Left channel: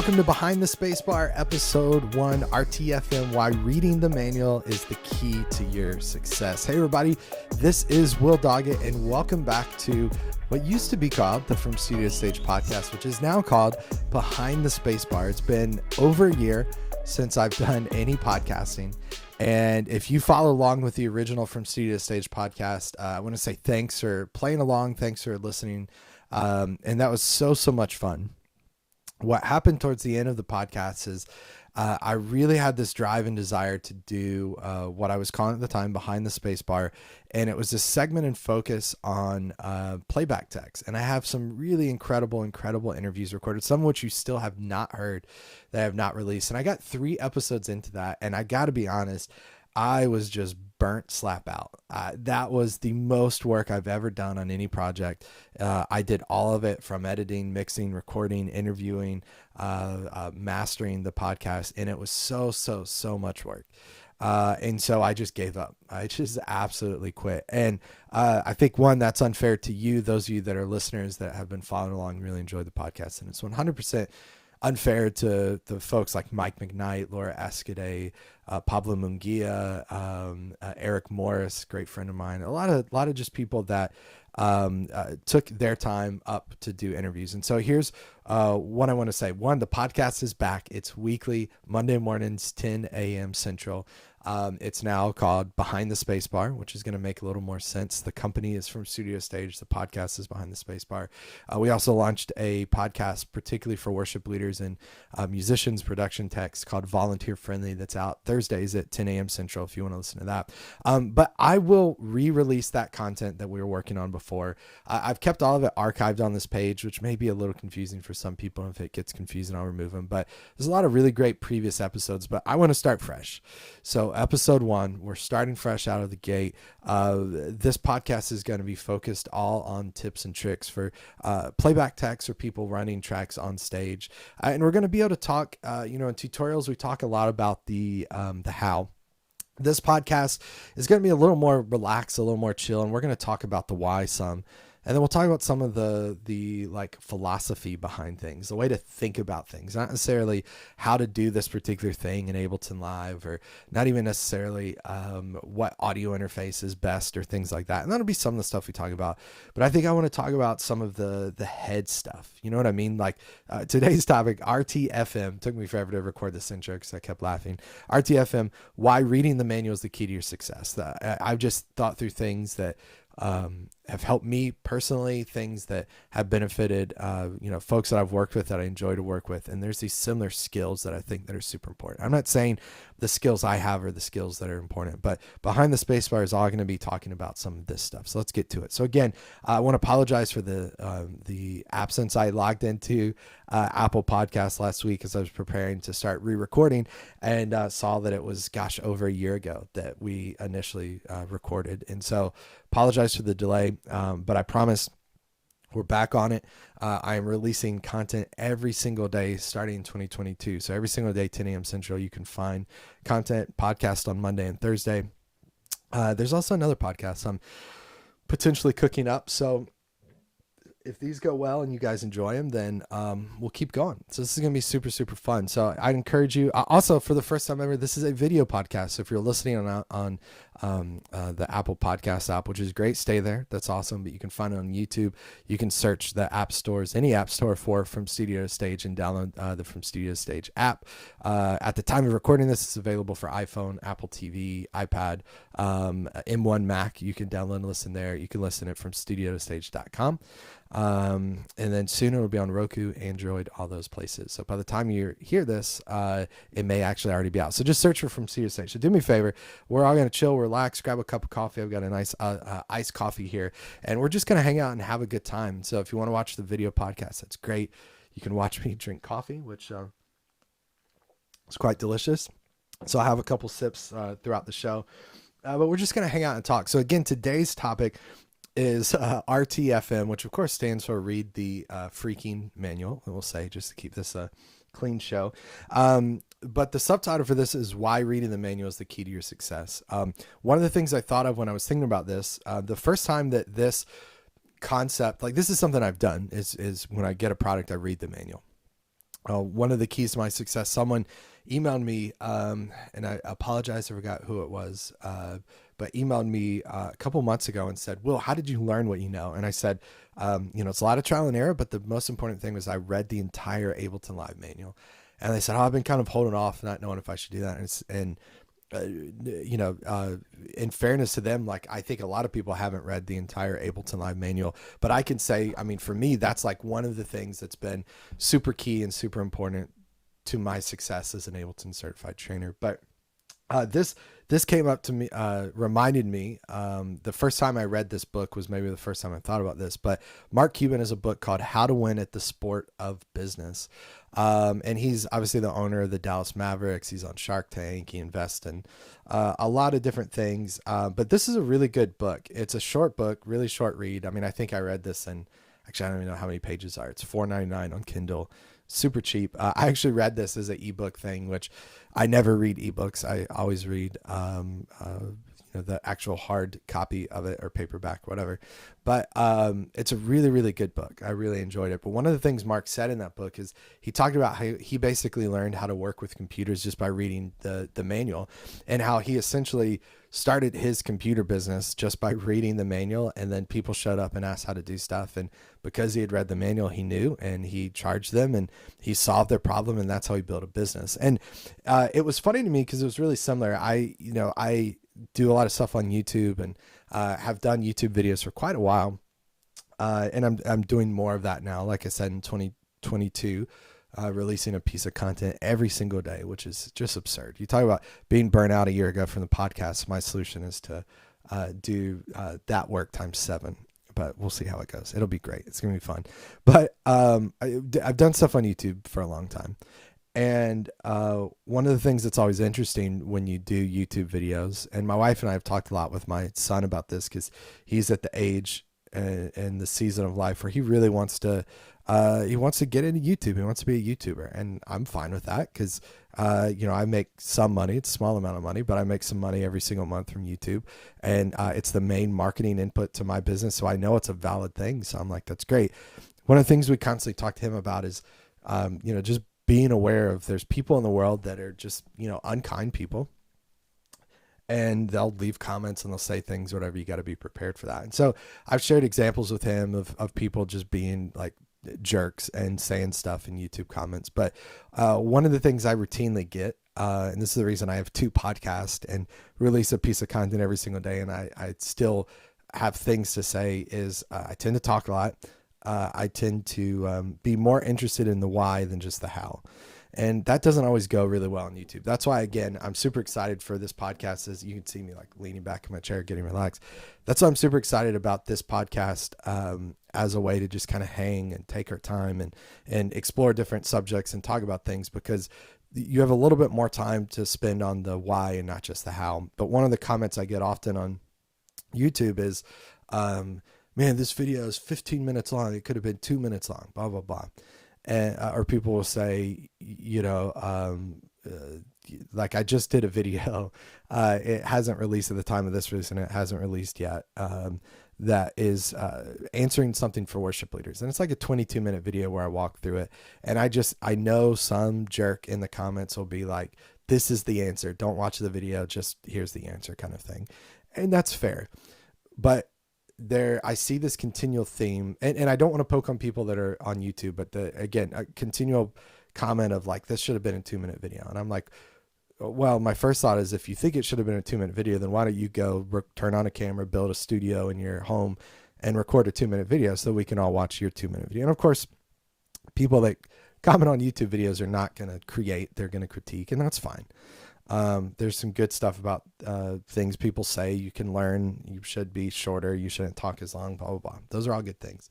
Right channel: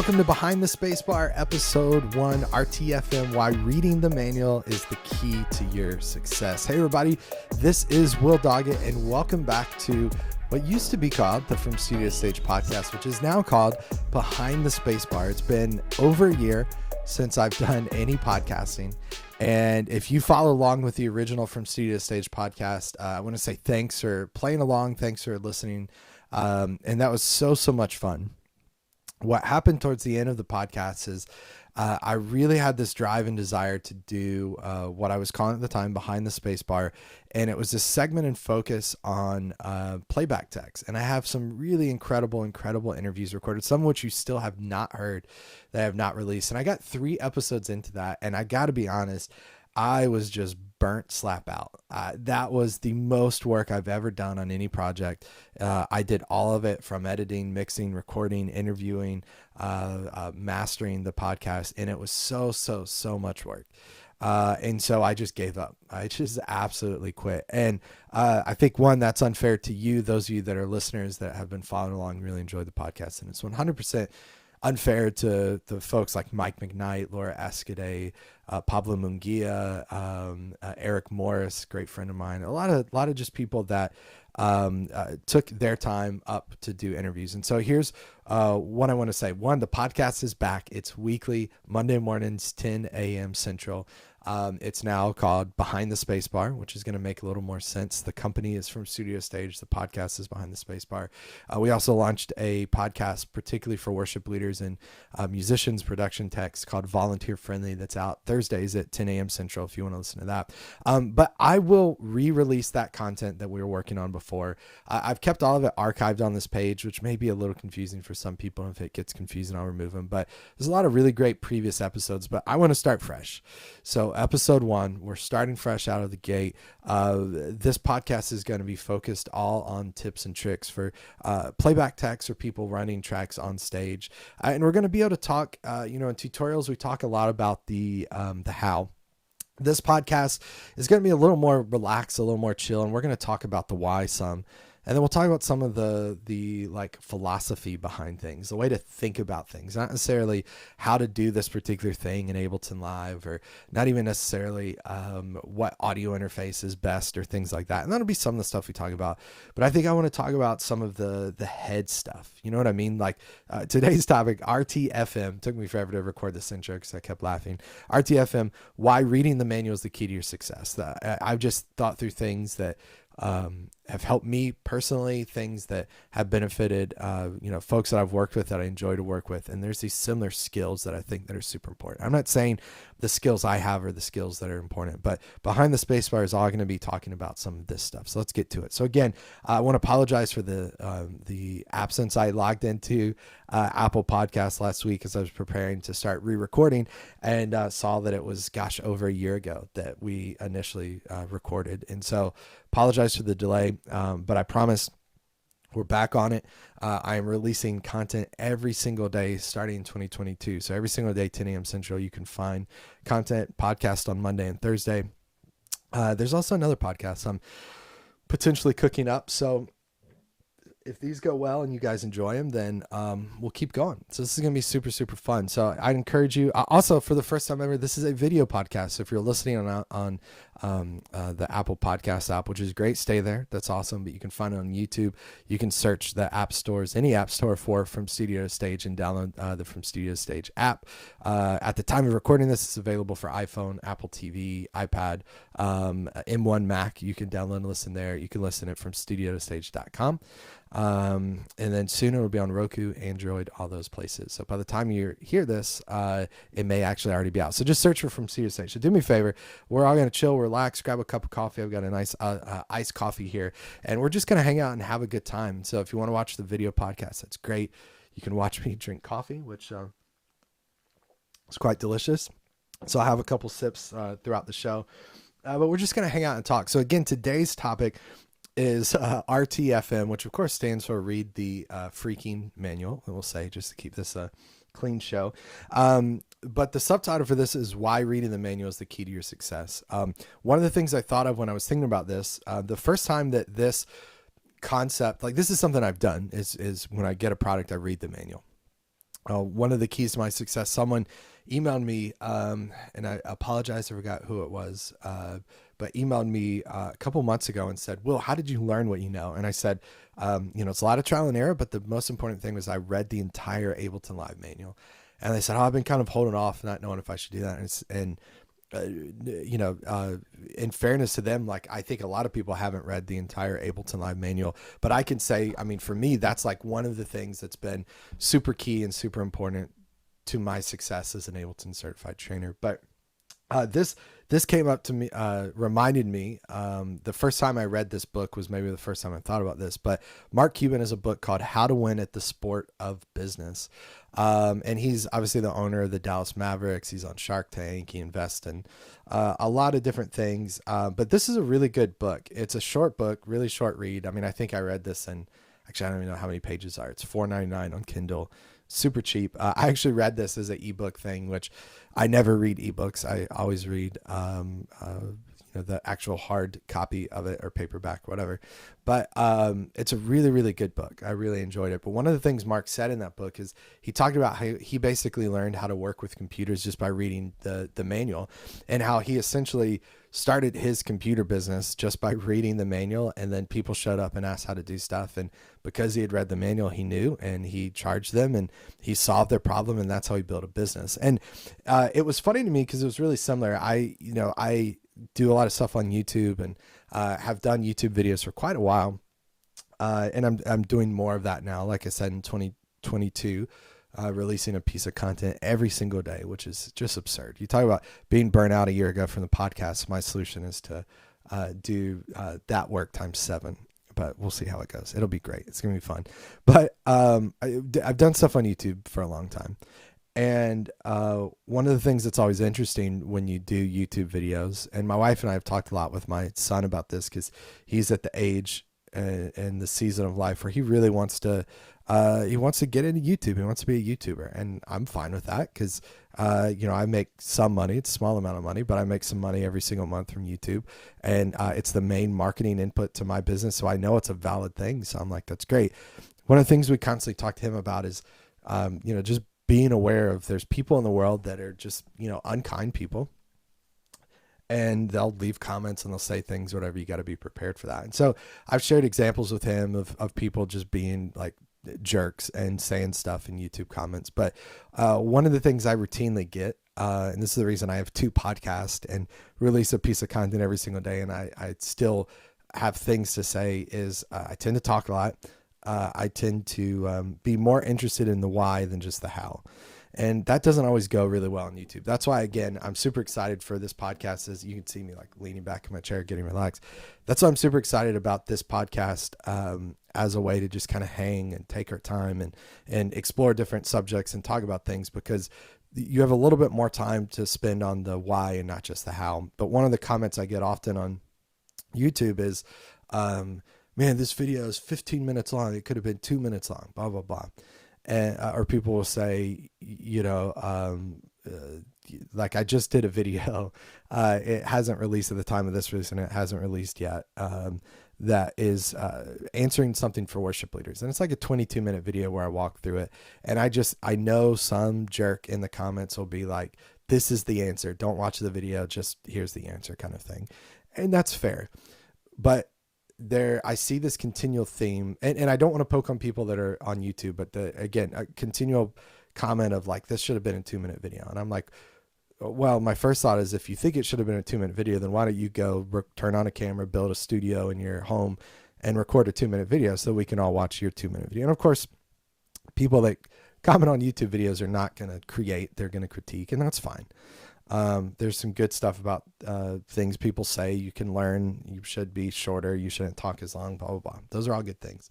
Welcome to Behind the Spacebar, Episode 1, RTFM, Why Reading the Manual is the Key to Your Success. Hey everybody, this is Will Doggett, and welcome back to what used to be called the From Studio to Stage podcast, which is now called Behind the Spacebar. It's been over a year since I've done any podcasting, and if you follow along with the original From Studio to Stage podcast, I want to say thanks for playing along, thanks for listening, and that was so much fun. What happened towards the end of the podcast is I really had this drive and desire to do what I was calling at the time Behind the Spacebar, and it was this segment and focus on Playback Tech. And I have some really incredible interviews recorded, some of which you still have not heard, that I have not released. And I got 3 episodes into that, and I got to be honest, I was just burnt slap out. That was the most work I've ever done on any project. I did all of it, from editing, mixing, recording, interviewing, mastering the podcast, and it was so much work. And so I just gave up. I just absolutely quit. And I think, one, that's unfair to you, those of you that are listeners that have been following along, really enjoy the podcast, and it's 100% unfair to the folks like Mike McKnight, Laura Escudé, Pablo Munguia, Eric Morris, great friend of mine, a lot of just people that took their time up to do interviews. And so here's what I want to say. One, the podcast is back. It's weekly, Monday mornings, 10 a.m. Central. It's now called Behind the Spacebar, which is going to make a little more sense. The company is From Studio Stage. The podcast is Behind the Spacebar. We also launched a podcast particularly for worship leaders and musicians, production techs, called Volunteer Friendly, that's out Thursdays at 10 a.m. Central if you want to listen to that. But I will re-release that content that we were working on before. I've kept all of it archived on this page, which may be a little confusing for some people. If it gets confusing, I'll remove them. But there's a lot of really great previous episodes, but I want to start fresh. So episode 1, we're starting fresh out of the gate. This podcast is going to be focused all on tips and tricks for playback techs or people running tracks on stage. And we're going to be able to talk, in tutorials, we talk a lot about the how. This podcast is going to be a little more relaxed, a little more chill, and we're going to talk about the why some. And then we'll talk about some of the like philosophy behind things, the way to think about things, not necessarily how to do this particular thing in Ableton Live, or not even necessarily what audio interface is best or things like that. And that'll be some of the stuff we talk about. But I think I want to talk about some of the head stuff. You know what I mean? Like today's topic, RTFM. Took me forever to record this intro because I kept laughing. RTFM, why reading the manual is the key to your success. I've just thought through things that have helped me personally, things that have benefited, folks that I've worked with that I enjoy to work with. And there's these similar skills that I think that are super important. I'm not saying the skills I have are the skills that are important, but Behind the Spacebar is all going to be talking about some of this stuff. So let's get to it. So again, I want to apologize for the absence. I logged into Apple Podcasts last week as I was preparing to start re-recording, and saw that it was, over a year ago that we initially recorded. And so apologize for the delay, but I promise we're back on it. I am releasing content every single day starting in 2022. So every single day, 10 a.m. Central, you can find content, podcast on Monday and Thursday. There's also another podcast I'm potentially cooking up. So if these go well and you guys enjoy them, then we'll keep going. So this is going to be super fun. So I'd encourage you. Also, for the first time ever, this is a video podcast. So if you're listening on the Apple Podcast app, which is great, stay there. That's awesome. But you can find it on YouTube. You can search the app stores, any app store for From Studio to Stage, and download the From Studio to Stage app. At the time of recording this, it's available for iPhone, Apple TV, iPad, M1 Mac. You can download and listen there. You can listen at FromStudioToStage.com. And then soon it'll be on Roku, Android, all those places. So by the time you hear this, it may actually already be out. So just search for From Studio to Stage. So do me a favor. We're all going to chill, relax, grab a cup of coffee. I've got a nice iced coffee here, and we're just going to hang out and have a good time. So if you want to watch the video podcast, that's great. You can watch me drink coffee, which is quite delicious. So I'll have a couple sips throughout the show. But we're just going to hang out and talk. So again, today's topic is RTFM, which of course stands for Read the Freaking Manual, we'll say, just to keep this a clean show. But the subtitle for this is Why Reading the Manual is the Key to Your Success. One of the things I thought of when I was thinking about this, the first time that this concept, like this is something I've done, is when I get a product, I read the manual. One of the keys to my success, someone emailed me, and I apologize, I forgot who it was, but emailed me a couple months ago and said, Will, how did you learn what you know? And I said, it's a lot of trial and error, but the most important thing was I read the entire Ableton Live manual. And they said, I've been kind of holding off, not knowing if I should do that. In fairness to them, like, I think a lot of people haven't read the entire Ableton Live manual, but I can say, I mean, for me, that's like one of the things that's been super key and super important to my success as an Ableton certified trainer. But this came up to me, reminded me, the first time I read this book was maybe the first time I thought about this, but Mark Cuban has a book called How to Win at the Sport of Business. And he's obviously the owner of the Dallas Mavericks. He's on Shark Tank. He invests in a lot of different things. But this is a really good book. It's a short book, really short read. I mean, I think I read this in, actually, I don't even know how many pages are. It's $4.99 on Kindle. Super cheap. I actually read this as an ebook thing, which I never read ebooks. I always read the actual hard copy of it or paperback, whatever. But it's a really, really good book. I really enjoyed it. But one of the things Mark said in that book is he talked about how he basically learned how to work with computers just by reading the manual, and how he essentially started his computer business just by reading the manual, and then people showed up and asked how to do stuff, and because he had read the manual, he knew, and he charged them, and he solved their problem, and that's how he built a business. And it was funny to me because it was really similar. I do a lot of stuff on YouTube, and have done YouTube videos for quite a while, and I'm doing more of that now. Like I said, in 2022, releasing a piece of content every single day, which is just absurd. You talk about being burnt out a year ago from the podcast. My solution is to do that work times 7, but we'll see how it goes. It'll be great. It's going to be fun. But I've done stuff on YouTube for a long time. And one of the things that's always interesting when you do YouTube videos, and my wife and I have talked a lot with my son about this, because he's at the age and the season of life where he really wants to get into YouTube. He wants to be a YouTuber, and I'm fine with that because I make some money. It's a small amount of money, but I make some money every single month from YouTube, and it's the main marketing input to my business, so I know it's a valid thing. So I'm like, that's great. One of the things we constantly talk to him about is just being aware of, there's people in the world that are just unkind people, and they'll leave comments and they'll say things, whatever. You got to be prepared for that. And so I've shared examples with him of people just being like jerks and saying stuff in YouTube comments. But one of the things I routinely get, and this is the reason I have 2 podcasts and release a piece of content every single day, and I still have things to say, is I tend to talk a lot. I tend to be more interested in the why than just the how. And that doesn't always go really well on YouTube. That's why, again, I'm super excited for this podcast. As you can see me like leaning back in my chair, getting relaxed. That's why I'm super excited about this podcast as a way to just kind of hang and take our time and explore different subjects and talk about things, because you have a little bit more time to spend on the why and not just the how. But one of the comments I get often on YouTube is, man, this video is 15 minutes long. It could have been 2 minutes long, blah, blah, blah. And, or people will say, like, I just did a video. It hasn't released at the time of this release, and it hasn't released yet. That is answering something for worship leaders. And it's like a 22-minute video where I walk through it. And I know some jerk in the comments will be like, this is the answer. Don't watch the video. Just here's the answer, kind of thing. And that's fair. But I see this continual theme, and I don't want to poke on people that are on YouTube, but again, a continual comment of like, this should have been a 2-minute video. And I'm like, well, my first thought is, if you think it should have been a 2-minute video, then why don't you go turn on a camera, build a studio in your home, and record a 2-minute video so we can all watch your 2-minute video. And of course, people that comment on YouTube videos are not going to create, they're going to critique, and that's fine. There's some good stuff about things people say. You can learn. You should be shorter. You shouldn't talk as long, blah, blah, blah. Those are all good things.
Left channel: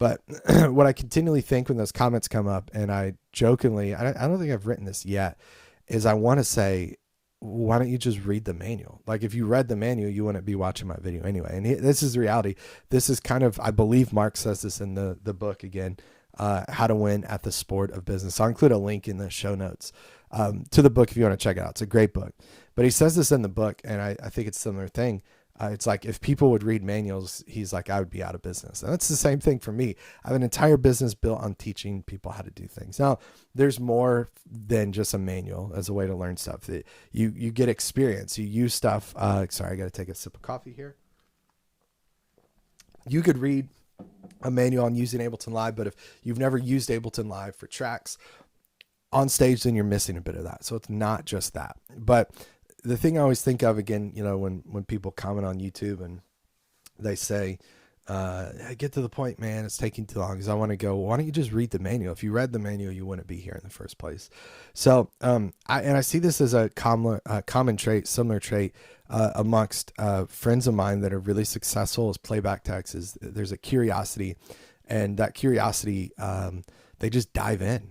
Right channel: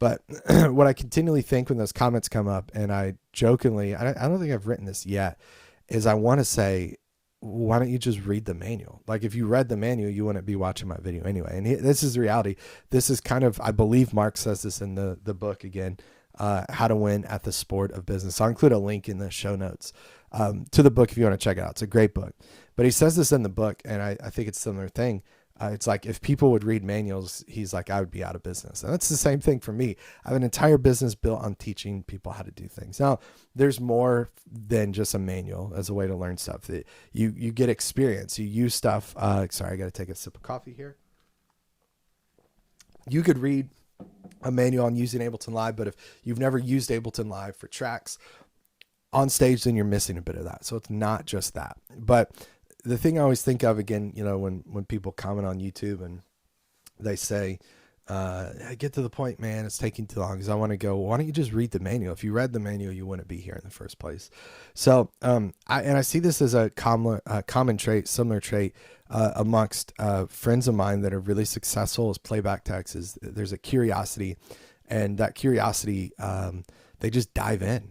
But what I continually think when those comments come up, and I jokingly, I don't think I've written this yet, is I want to say, why don't you just read the manual? Like, if you read the manual, you wouldn't be watching my video anyway. And this is the reality. This is kind of, I believe Mark says this in the book again, How to Win at the Sport of Business. I'll include a link in the show notes to the book if you want to check it out. It's a great book. But he says this in the book, and I think it's a similar thing. It's like if people would read manuals, he's like, I would be out of business. And that's the same thing for me. I have an entire business built on teaching people how to do things. Now, there's more than just a manual as a way to learn stuff. You get experience. You use stuff. Sorry, I got to take a sip of coffee here. You could read a manual on using Ableton Live, but if you've never used Ableton Live for tracks on stage, then you're missing a bit of that. So it's not just that. But the thing I always think of, again, when people comment on YouTube and they say, I get to the point, man, it's taking too long, because I want to go, why don't you just read the manual? If you read the manual, you wouldn't be here in the first place. So I see this as a common trait, similar trait amongst friends of mine that are really successful as Playback Techs. Is there's a curiosity, and that curiosity, they just dive in.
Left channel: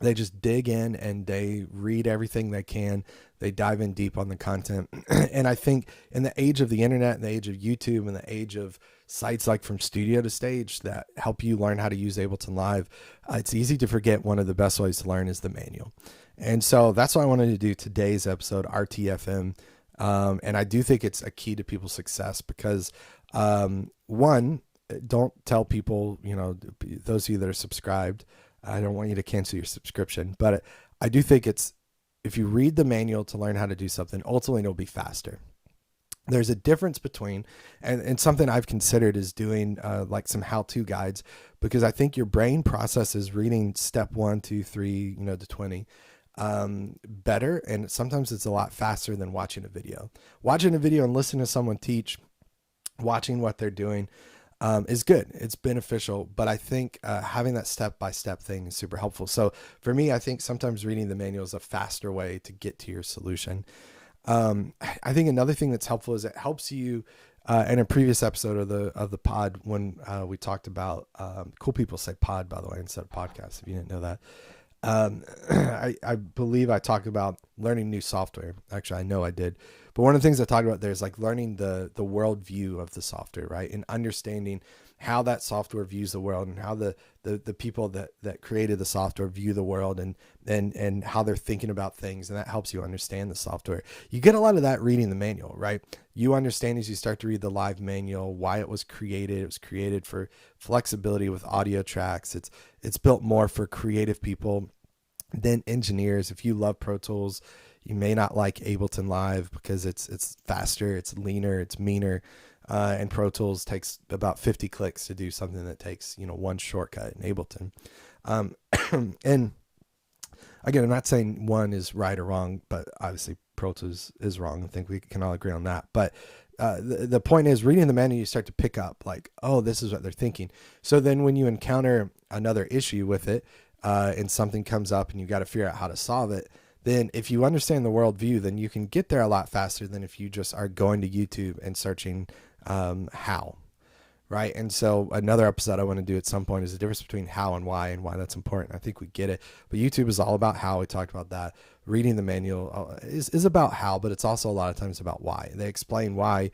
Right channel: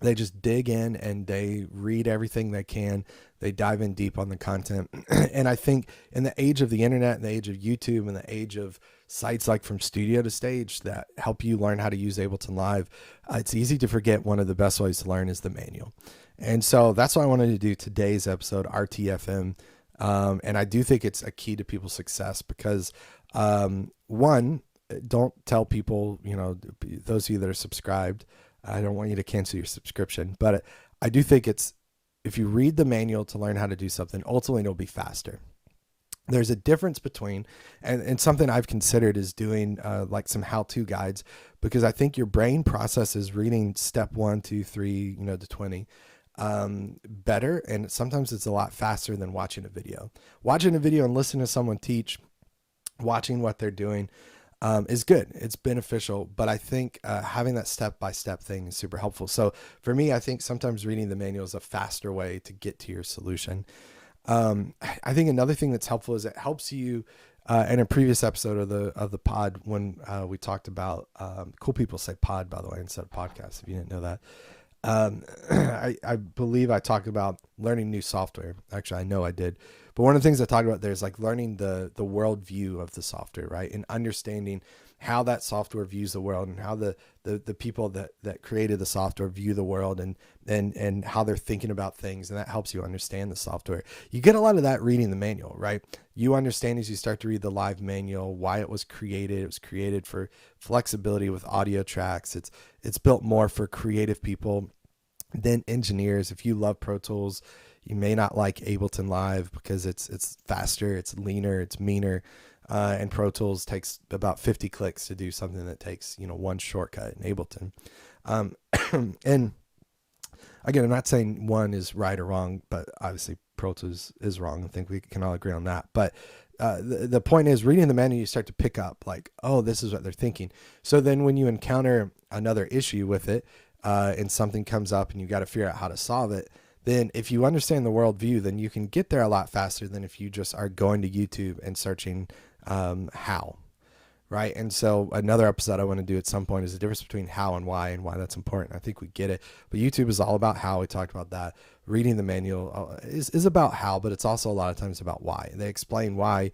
They just dig in and they read everything they can. They dive in deep on the content. And I think in the age of the internet, in the age of YouTube, and the age of sites like From Studio to Stage that help you learn how to use Ableton Live, it's easy to forget one of the best ways to learn is the manual. And so that's what I wanted to do today's episode, RTFM. And I do think it's a key to people's success because, one, don't tell people, those of you that are subscribed, I don't want you to cancel your subscription, but I do think if you read the manual to learn how to do something, ultimately it'll be faster. There's a difference between, and something I've considered is doing like some how-to guides, because I think your brain processes reading step 1, 2, 3, to 20 better, and sometimes it's a lot faster than watching a video. Watching a video and listening to someone teach, watching what they're doing, is good. It's beneficial, but I think having that step-by-step thing is super helpful. So for me, I think sometimes reading the manual is a faster way to get to your solution. I think another thing that's helpful is it helps you. In a previous episode of the pod, when we talked about cool people say pod, by the way, instead of podcast, if you didn't know that. I believe I talked about learning new software. Actually, I know I did. But one of the things I talked about there is like learning the worldview of the software, right? And understanding how that software views the world, and how the people that created the software view the world, and how they're thinking about things. And that helps you understand the software. You get a lot of that reading the manual, right? You understand as you start to read the live manual why it was created. It was created for flexibility with audio tracks. It's built more for creative people than engineers. If you love Pro Tools, you may not like Ableton Live because it's faster, it's leaner, it's meaner, and Pro Tools takes about 50 clicks to do something that takes one shortcut in Ableton. And again, I'm not saying one is right or wrong, but obviously Pro Tools is wrong. I think we can all agree on that. But the point is, reading the manual, you start to pick up like, oh, this is what they're thinking. So then when you encounter another issue with it, and something comes up and you got to figure out how to solve it, then if you understand the worldview, then you can get there a lot faster than if you just are going to YouTube and searching how, right? And so another episode I want to do at some point is the difference between how and why that's important. I think we get it, but YouTube is all about how. We talked about that. Reading the manual is about how, but it's also a lot of times about why. They explain why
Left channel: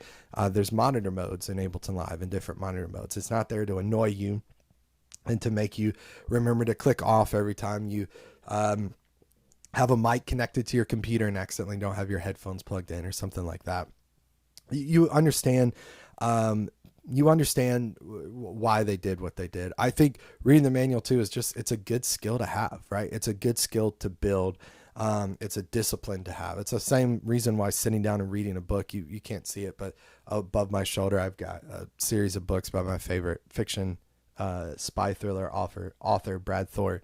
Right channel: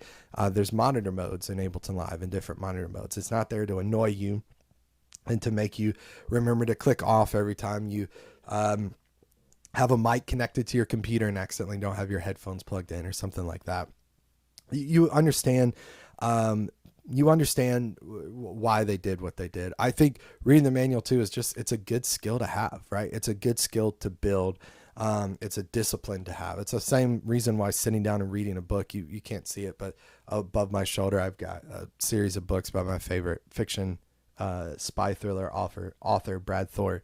there's monitor modes in Ableton Live, and different monitor modes. It's not there to annoy you and to make you remember to click off every time you have a mic connected to your computer and accidentally don't have your headphones plugged in or something like that. You understand why they did what they did. I think reading the manual too is it's a good skill to have, right? It's a good skill to build. It's a discipline to have. It's the same reason why sitting down and reading a book, you can't see it, but above my shoulder, I've got a series of books by my favorite fiction spy thriller author Brad Thor,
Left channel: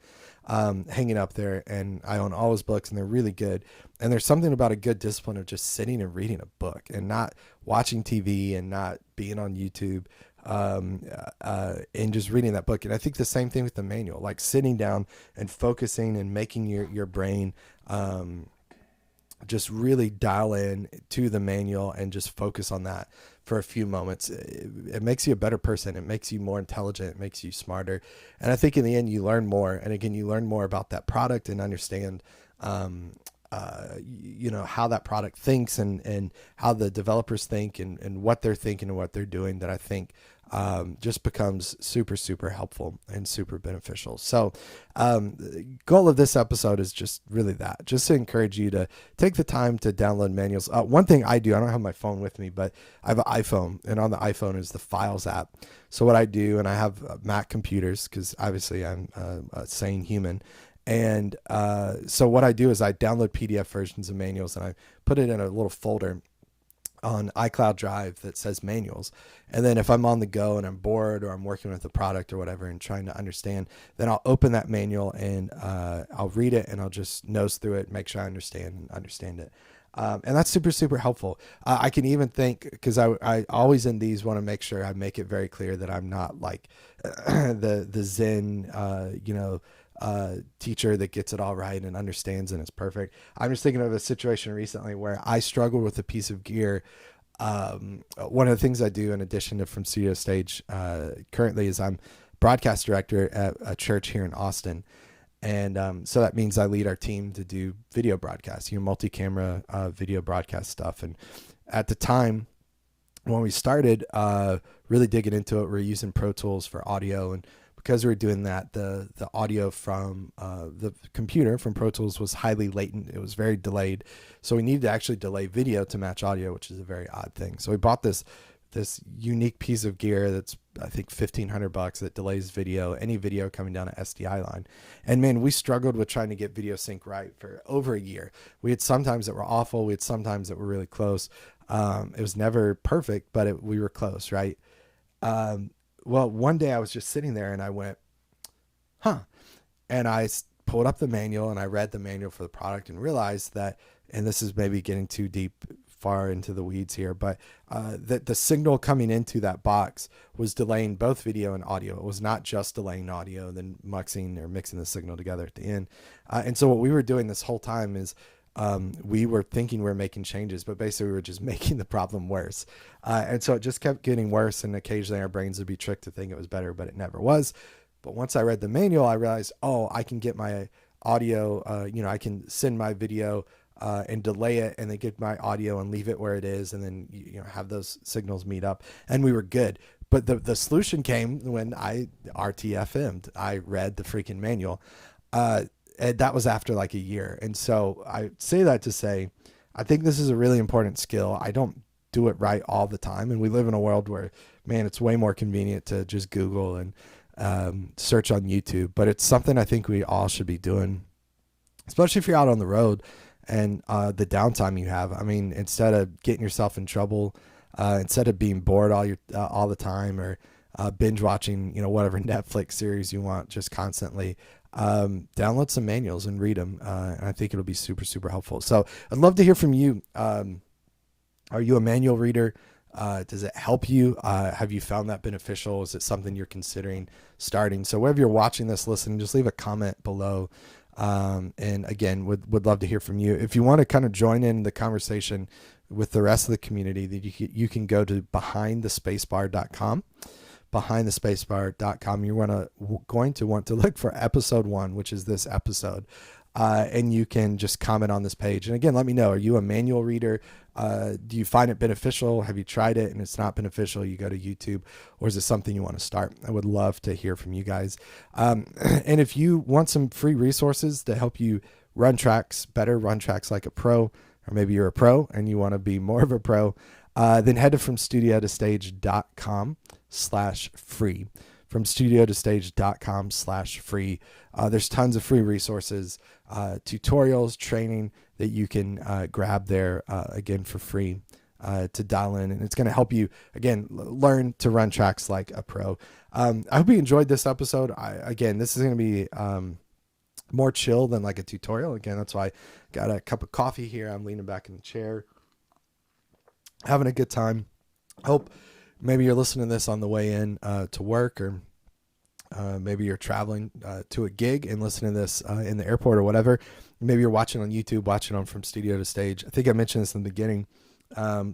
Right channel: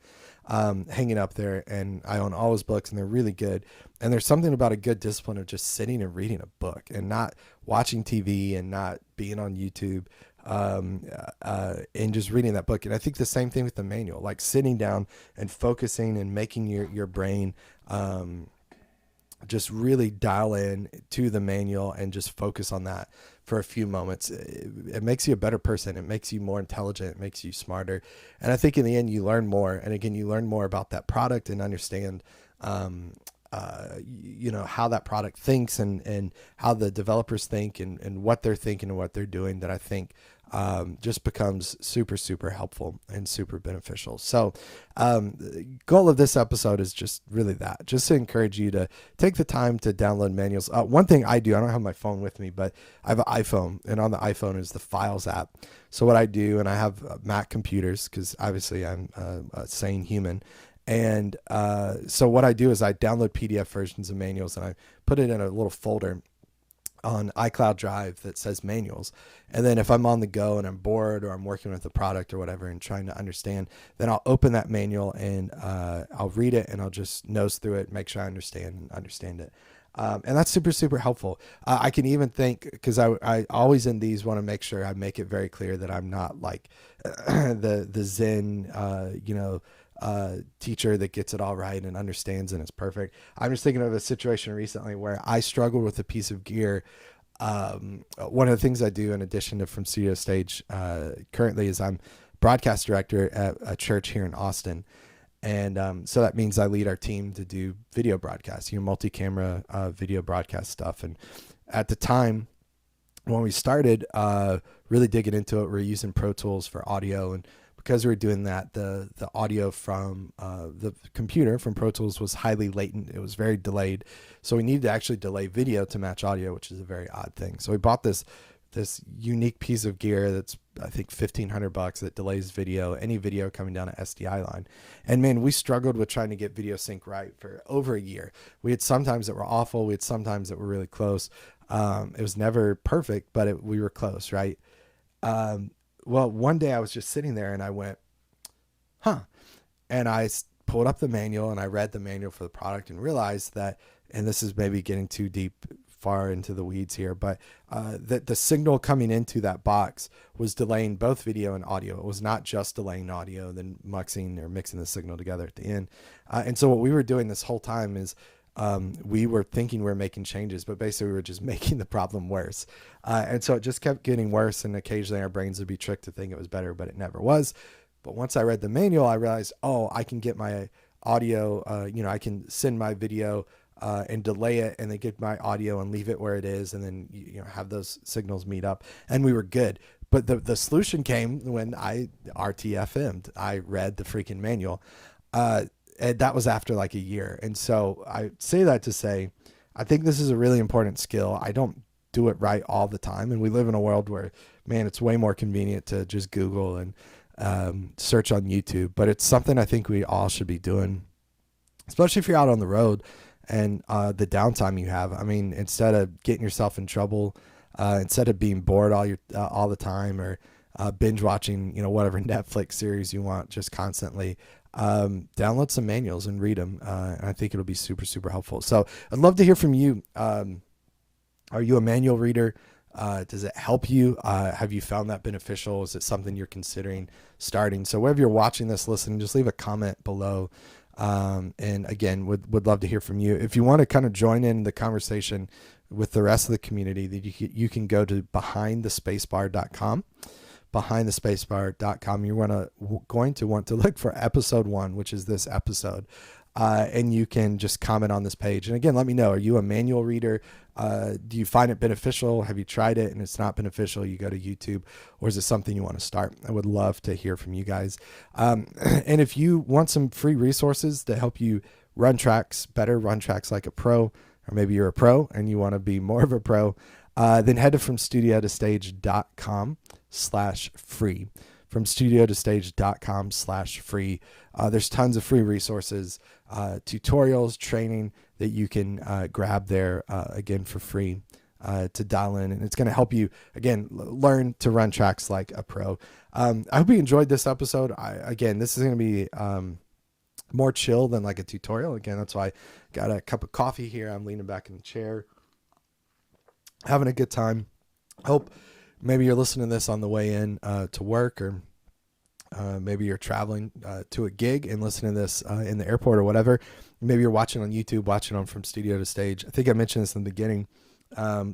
hanging up there, and I own all his books, and they're really good. And there's something about a good discipline of just sitting and reading a book and not watching TV and not being on YouTube, and just reading that book. And I think the same thing with the manual, like sitting down and focusing and making your brain just really dial in to the manual and just focus on that for a few moments. It makes you a better person. It makes you more intelligent. It makes you smarter. And I think in the end, you learn more. And again, you learn more about that product and understand, how that product thinks and how the developers think and what they're thinking and what they're doing, that I think just becomes super, super helpful and super beneficial. So the goal of this episode is just really that, just to encourage you to take the time to download manuals. One thing I do, I don't have my phone with me, but I have an iPhone, and on the iPhone is the Files app. So what I do, and I have Mac computers because obviously I'm a sane human. And so what I do is I download PDF versions of manuals and I put it in a little folder on iCloud Drive that says manuals. And then if I'm on the go and I'm bored or I'm working with a product or whatever and trying to understand, then I'll open that manual and I'll read it and I'll just nose through it, make sure I understand it. And that's super, super helpful. I can even think, because I always in these want to make sure I make it very clear that I'm not like the Zen, teacher that gets it all right and understands and it's perfect. I'm just thinking of a situation recently where I struggled with a piece of gear. One of the things I do in addition to From Studio to Stage currently is I'm broadcast director at a church here in Austin. And so that means I lead our team to do video broadcasts, multi-camera video broadcast stuff. And at the time when we started really digging into it, we were using Pro Tools for audio, and because we were doing that, the audio from the computer from Pro Tools was highly latent. It was very delayed. So we needed to actually delay video to match audio, which is a very odd thing. So we bought this unique piece of gear that's, I think, $1,500 that delays video, any video coming down an SDI line. And man, we struggled with trying to get video sync right for over a year. We had sometimes that were awful. We had sometimes that were really close. It was never perfect, but we were close, right? Well, one day I was just sitting there and I went, and I pulled up the manual and I read the manual for the product and realized that, and this is maybe getting too deep, far into the weeds here, but that the signal coming into that box was delaying both video and audio. It was not just delaying audio and then mixing the signal together at the end. And so what we were doing this whole time is we were thinking we were making changes, but basically we were just making the problem worse. And so it just kept getting worse, and occasionally our brains would be tricked to think it was better, but it never was. But once I read the manual, I realized, I can get my audio, I can send my video and delay it and then get my audio and leave it where it is, and then have those signals meet up, and we were good. But the solution came when I RTFM'd. I read the freaking manual. And that was after like a year. And so I say that to say, I think this is a really important skill. I don't do it right all the time. And we live in a world where, man, it's way more convenient to just Google and search on YouTube. But it's something I think we all should be doing, especially if you're out on the road and the downtime you have. I mean, instead of getting yourself in trouble, instead of being bored all the time, or binge watching, whatever Netflix series you want just constantly, download some manuals and read them. And I think it'll be super, super helpful. So I'd love to hear from you. Are you a manual reader? Does it help you? Have you found that beneficial? Is it something you're considering starting? So wherever you're watching this, listening, just leave a comment below. And again, would love to hear from you. If you want to kind of join in the conversation with the rest of the community, that you can go to behindthespacebar.com. behindthespacebar.com. You're going to want to look for episode 1, which is this episode. And you can just comment on this page. And again, let me know, are you a manual reader? Do you find it beneficial? Have you tried it and it's not beneficial? You go to YouTube, or is it something you want to start? I would love to hear from you guys. And if you want some free resources to help you run tracks better, run tracks like a pro, or maybe you're a pro and you want to be more of a pro, then head to FromStudioToStage.com/free. FromStudioToStage.com/free. There's tons of free resources, tutorials, training that you can grab there, again, for free to dial in. And it's going to help you, again, learn to run tracks like a pro. I hope you enjoyed this episode. Again, this is going to be more chill than like a tutorial. Again, that's why I got a cup of coffee here. I'm leaning back in the chair, having a good time. Hope maybe you're listening to this on the way in to work, or maybe you're traveling to a gig and listening to this in the airport or whatever. Maybe you're watching on YouTube, watching on From Studio to Stage. I think I mentioned this in the beginning.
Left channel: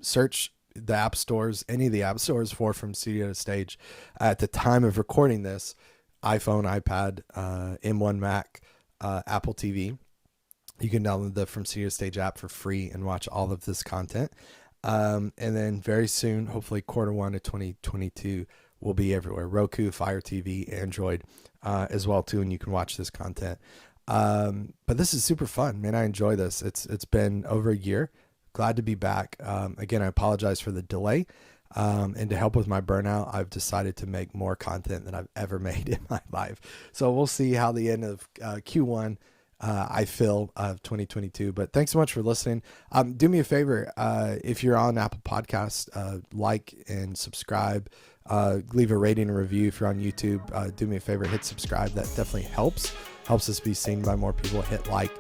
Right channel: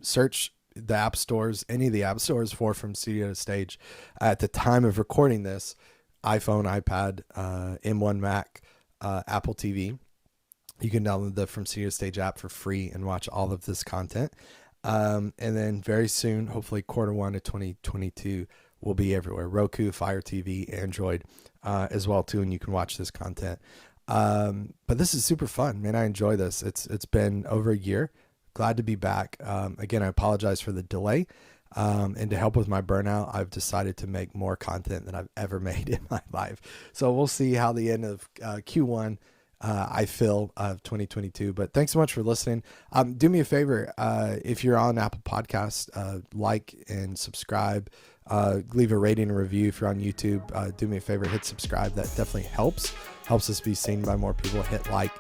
Search the app stores, any of the app stores for From Studio to Stage. At the time of recording this, iPhone, iPad, M1 Mac, Apple TV. You can download the From Studio to Stage app for free and watch all of this content. And then very soon, hopefully Q1 of 2022, will be everywhere. Roku, Fire TV, Android as well too, and you can watch this content. But this is super fun, man. I enjoy this. It's been over a year. Glad to be back. Again, I apologize for the delay. And to help with my burnout, I've decided to make more content than I've ever made in my life. So we'll see how the end of Q1 I feel of 2022. But thanks so much for listening. Do me a favor, if you're on Apple Podcasts, like and subscribe. Leave a rating and review. If you're on YouTube, do me a favor, hit subscribe. That definitely helps us be seen by more people. Hit like,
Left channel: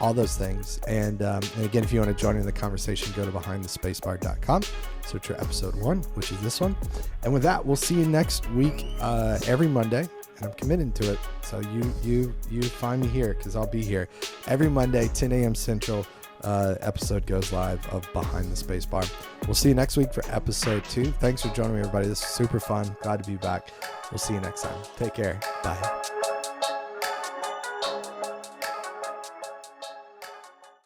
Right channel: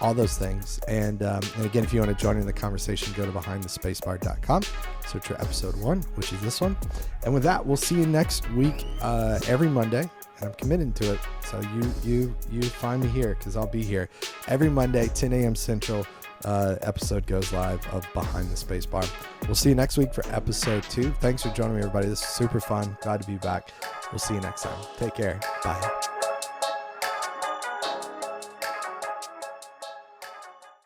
all those things. And again, if you want to join in the conversation, go to behindthespacebar.com, search for episode 1, which is this one. And with that, we'll see you next week, every Monday. And I'm committed to it. So you find me here, because I'll be here every Monday, 10 a.m. Central. Episode goes live of Behind the Spacebar. We'll see you next week for episode 2. Thanks for joining me, everybody. This is super fun. Glad to be back. We'll see you next time. Take care. Bye.